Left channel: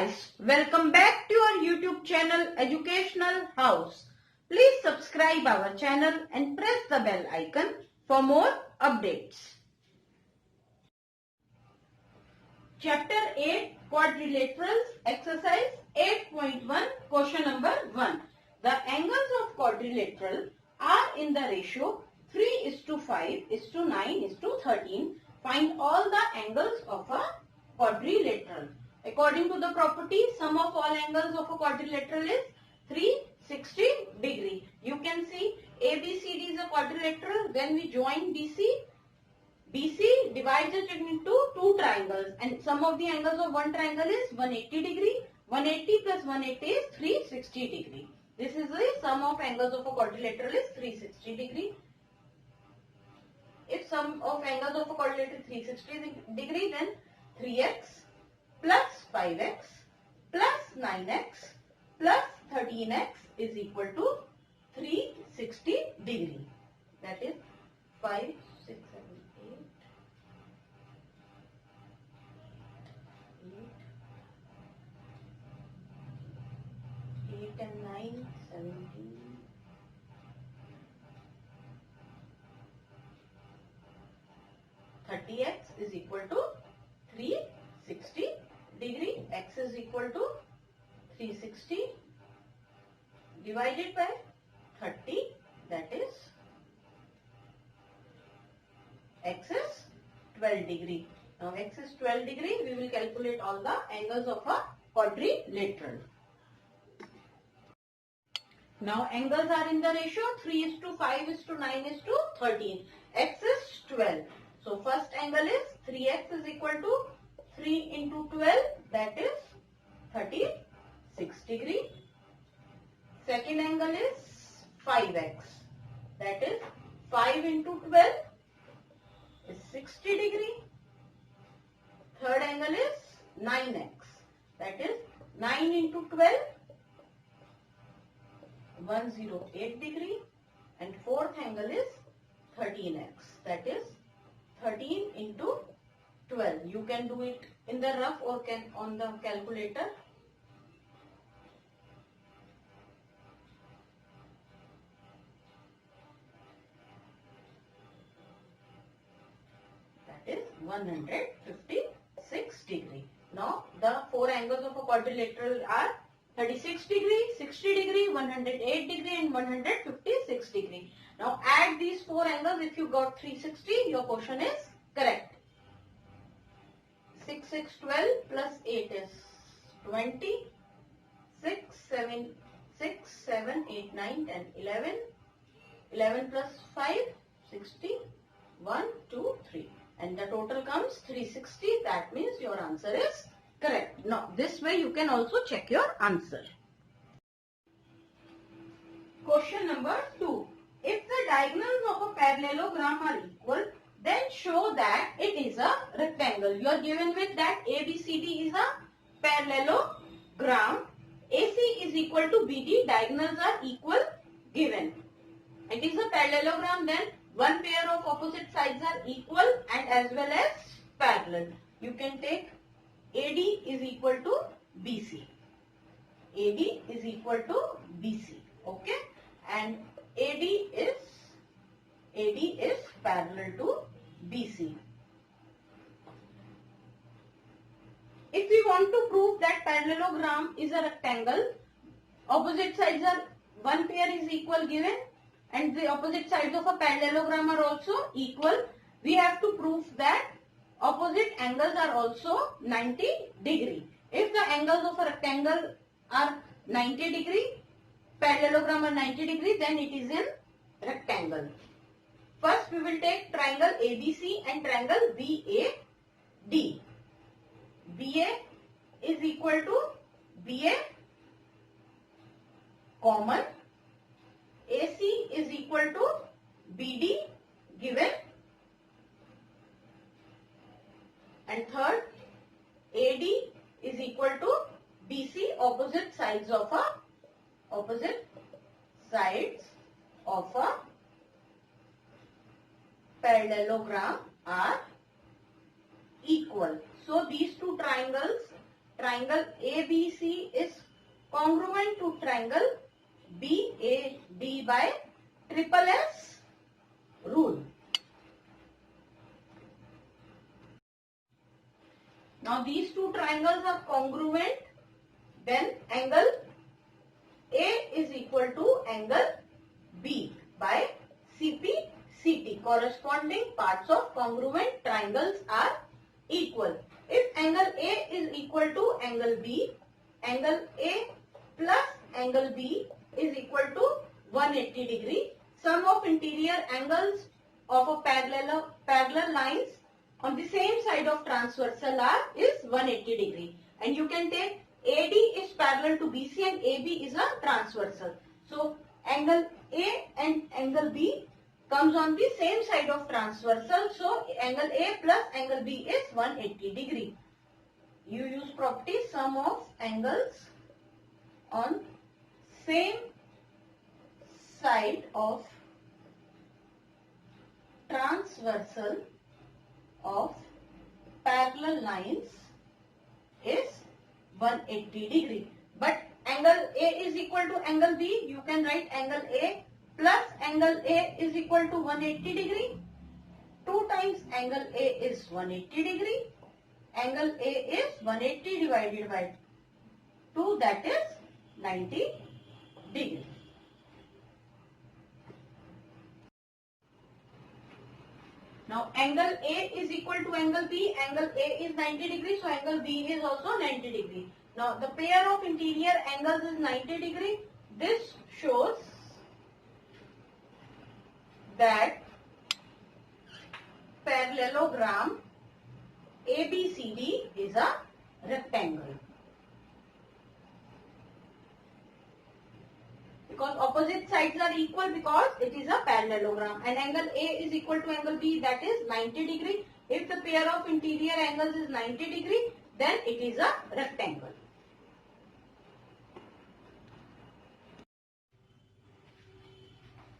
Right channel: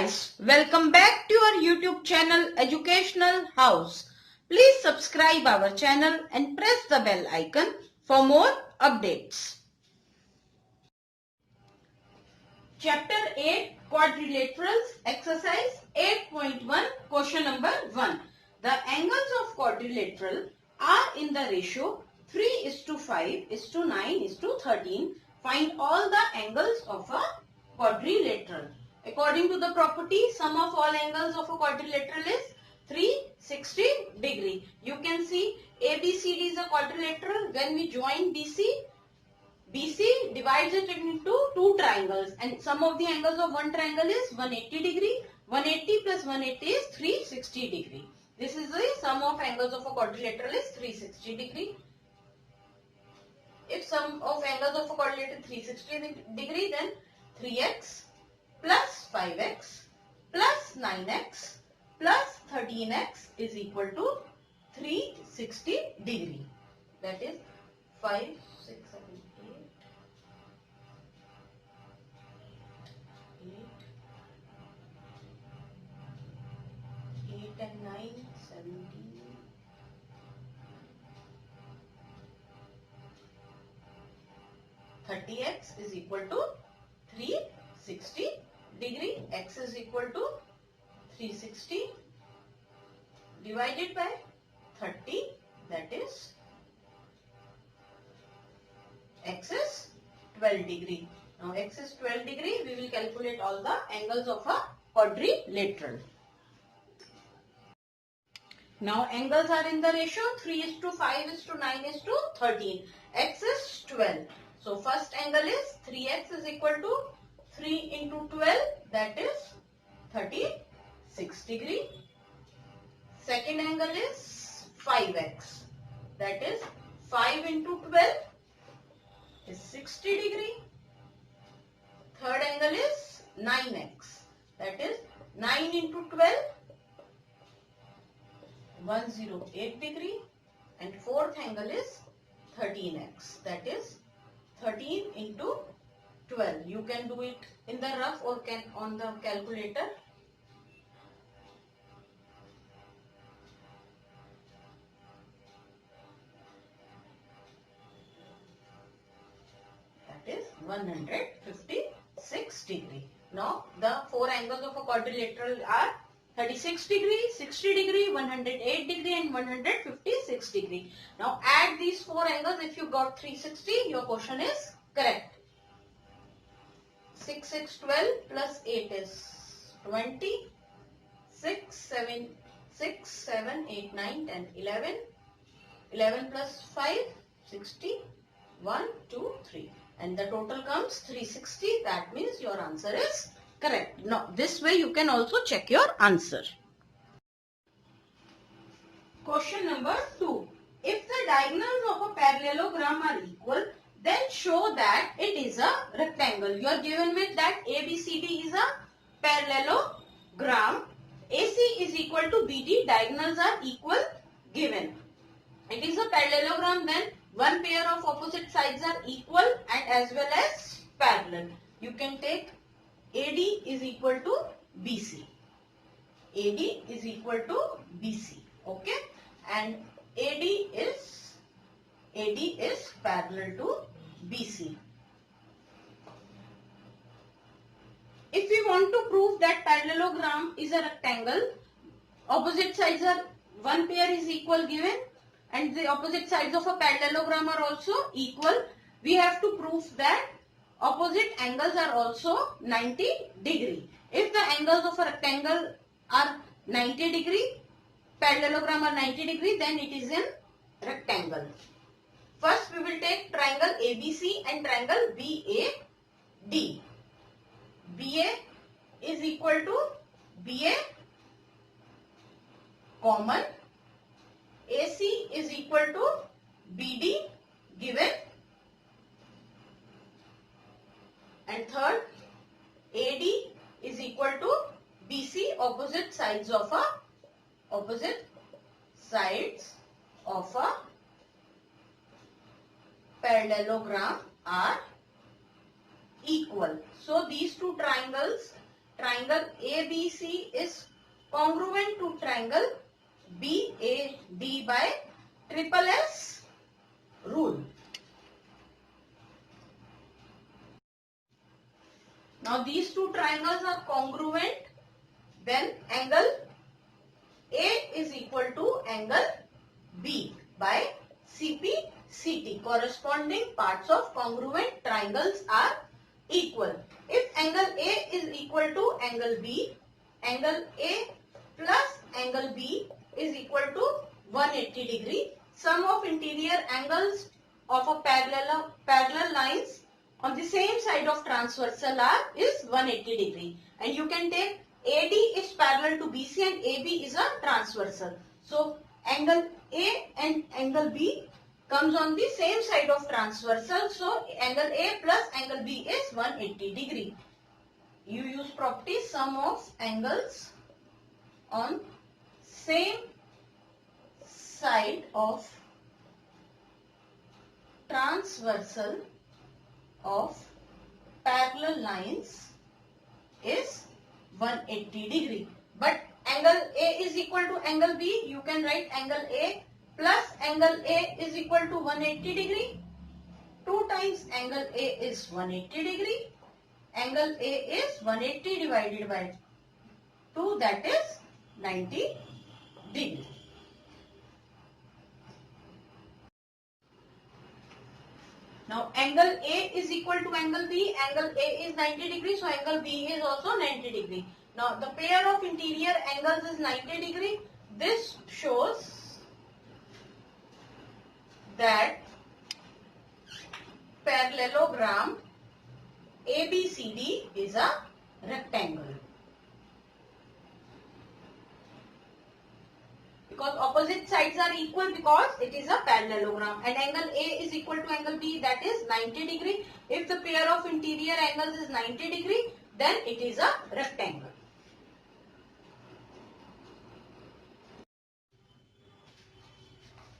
guys, welcome back to our YouTube channel Educational House. Please subscribe our channel and press the bell icon for more updates. Chapter 8 Quadrilaterals Exercise 8.1 Question number 1. The angles of quadrilateral are in the ratio 3:5:9:13. Find all the angles of a quadrilateral. According to the property, sum of all angles of a quadrilateral is 360 degree. You can see ABCD is a quadrilateral. When we join BC divides it into two triangles, and sum of the angles of one triangle is 180 degree. 180 plus 180 is 360 degree. This is the sum of angles of a quadrilateral is 360 degree. If sum of angles of a quadrilateral 360 degree, then 3x plus 5x plus 9x plus 13x is equal to 360 degree. That is 5, 6, 7, 8 and 9, 17. 30x is equal to 360 degree. X is equal to 360 divided by 30, that is x is 12 degree. Now x is 12 degree, we will calculate all the angles of a quadrilateral. Now angles are in the ratio 3:5:9:13. X is 12. So first angle is 3x is equal to 3 into 12, that is 36 degree. Second angle is 5x, that is 5 into 12 is 60 degree. Third angle is 9x, that is 9 into 12, 108 degree. And fourth angle is 13x, that is 13 into 12. You can do it in the rough or can on the calculator. That is 156 degree. Now the four angles of a quadrilateral are 36 degree, 60 degree, 108 degree and 156 degree. Now add these four angles. If you got 360, your question is correct. 6, 6, 12 plus 8 is 20. 6, 7, 8, 9, 10, 11. 11 plus 5, 60. 1, 2, 3. And the total comes 360. That means your answer is correct. Now this way you can also check your answer. Question number 2. If the diagonals of a parallelogram are equal, then show that it is a rectangle. You are given with that ABCD is a parallelogram. AC is equal to BD. Diagonals are equal given. It is a parallelogram, then one pair of opposite sides are equal and as well as parallel. You can take AD is equal to BC. AD is equal to BC. Okay. And AD is parallel to BC. If we want to prove that parallelogram is a rectangle, opposite sides are one pair is equal given and the opposite sides of a parallelogram are also equal. We have to prove that opposite angles are also 90 degree. If the angles of a rectangle are 90 degree, parallelogram are 90 degree, then it is in rectangle. First we will take triangle ABC and triangle BAD. BA is equal to BA common. AC is equal to BD given. And third, AD is equal to BC. Opposite sides of a parallelogram are equal. So these two triangles triangle ABC is congruent to triangle BAD by triple S rule. Now these two triangles are congruent when angle A is equal to angle B by CP/CT. Corresponding parts of congruent triangles are equal. If angle A is equal to angle B, angle A plus angle B is equal to 180 degree. Sum of interior angles of a parallel lines on the same side of transversal arc is 180 degree. And you can take AD is parallel to BC and AB is a transversal. So angle A and angle B comes on the same side of transversal. So angle A plus angle B is 180 degree. You use property sum of angles on same side of transversal of parallel lines is 180 degree. But angle A is equal to angle B, you can write angle A plus angle A is equal to 180 degree. 2 times angle A is 180 degree. Angle A is 180 divided by 2, that is 90 degree. Now angle A is equal to angle B, angle A is 90 degree, so angle B is also 90 degree. Now the pair of interior angles is 90 degree. This shows that parallelogram ABCD is a rectangle. Because opposite sides are equal because it is a parallelogram, and angle A is equal to angle B, that is 90 degree. If the pair of interior angles is 90 degree, then it is a rectangle.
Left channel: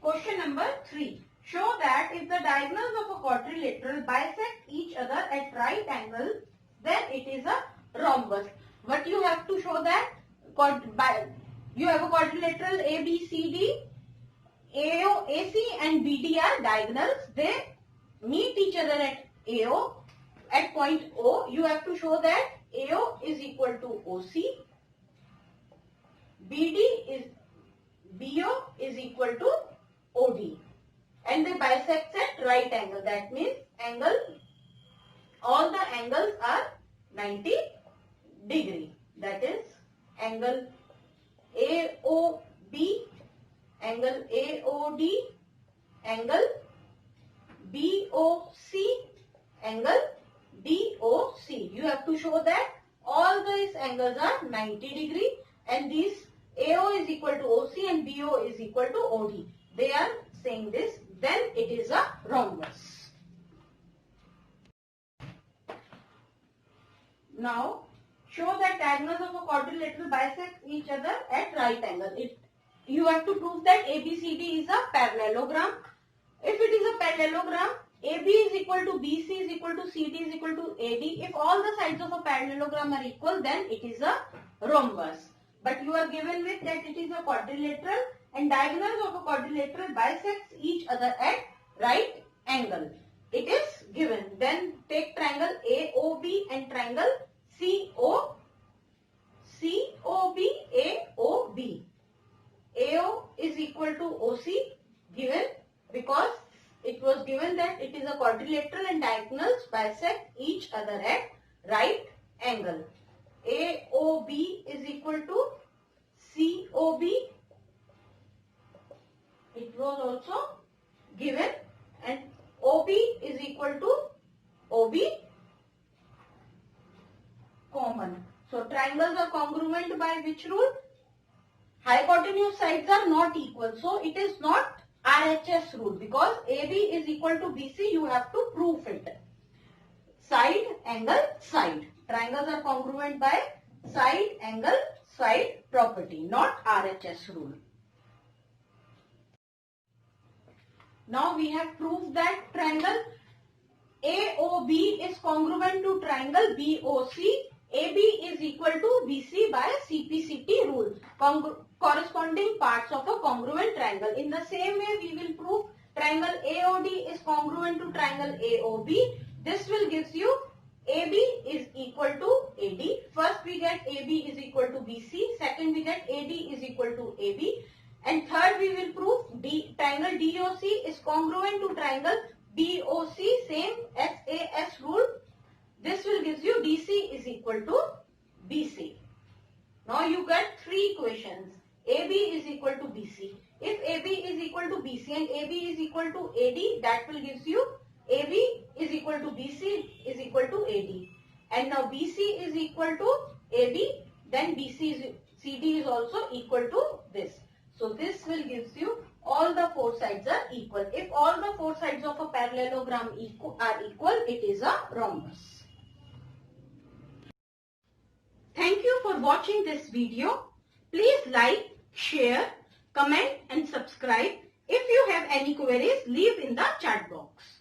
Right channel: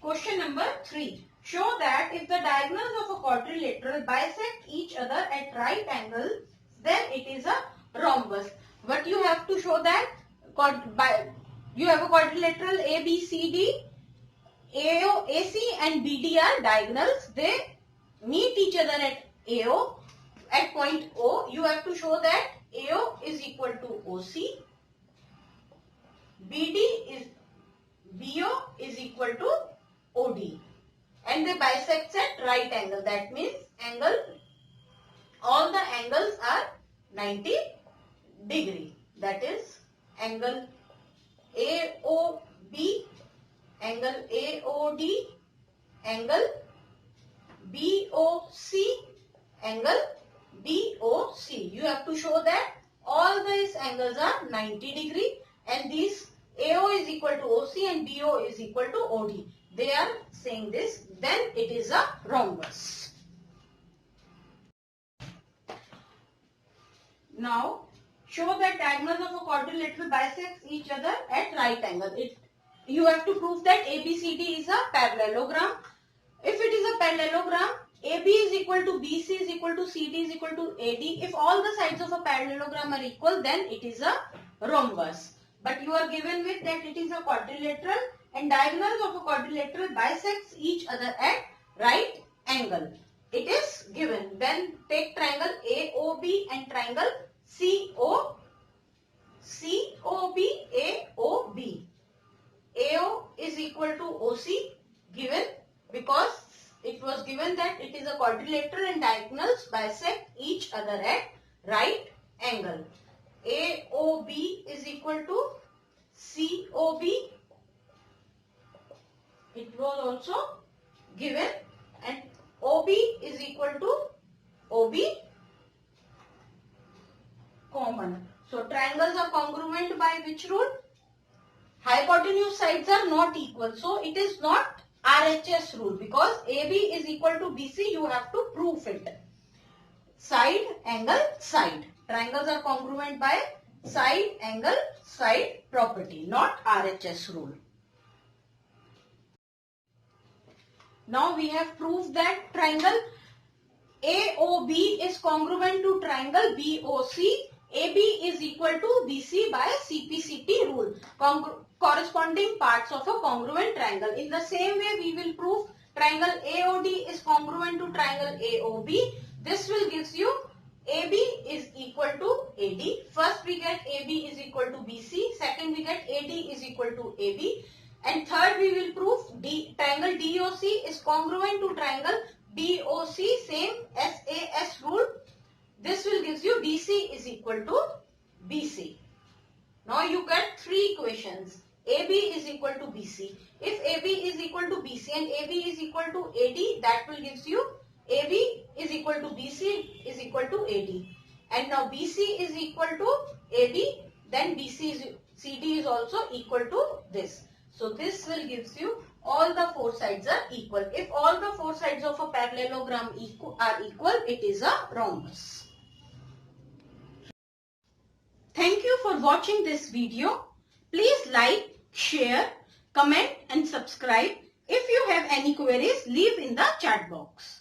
Question number 3. Show that if the diagonals of a quadrilateral bisect each other at right angles, then it is a rhombus. But you have to show that you have a quadrilateral ABCD, AO, AC and BD are diagonals. They meet each other at AO, at point O. You have to show that AO is equal to OC, BO is equal to OD, and they bisect at right angle. That means all the angles are 90 degree. That is angle AOB, angle AOD, angle BOC, angle DOC. You have to show that all these angles are 90 degree, and these AO is equal to OC and BO is equal to OD. They are saying this, then it is a rhombus. Now show that diagonals of a quadrilateral bisect each other at right angle. You have to prove that ABCD is a parallelogram. If it is a parallelogram, AB is equal to BC is equal to CD is equal to AD. If all the sides of a parallelogram are equal, then it is a rhombus. But you are given with that it is a quadrilateral, and diagonals of a quadrilateral bisects each other at right angle. It is given. Then take triangle AOB and triangle COB, AOB. AO is equal to OC, given because it was given that it is a quadrilateral and diagonals bisect each other at right angle. AOB is equal to COB. It was also given, and OB is equal to OB common. So triangles are congruent by which rule? Hypotenuse sides are not equal. So it is not RHS rule, because AB is equal to BC. You have to prove it. Side, angle, side. Triangles are congruent by side, angle, side property, not RHS rule. Now we have proved that triangle AOB is congruent to triangle BOC. AB is equal to BC by CPCT rule. Corresponding parts of a congruent triangle. In the same way, we will prove triangle AOD is congruent to triangle AOB. This will give you AB is equal to AD. First we get AB is equal to BC. Second we get AD is equal to AB. And third we will prove triangle DOC is congruent to triangle BOC. Same SAS rule. This will give you DC is equal to BC. Now you get three equations. AB is equal to BC. If AB is equal to BC and AB is equal to AD, that will give you AB is equal to BC is equal to AD. And now BC is equal to AB, then CD is also equal to this. So this will give you all the four sides are equal. If all the four sides of a parallelogram are equal, it is a rhombus. Thank you for watching this video. Please like, share, comment and subscribe. If you have any queries, leave in the chat box.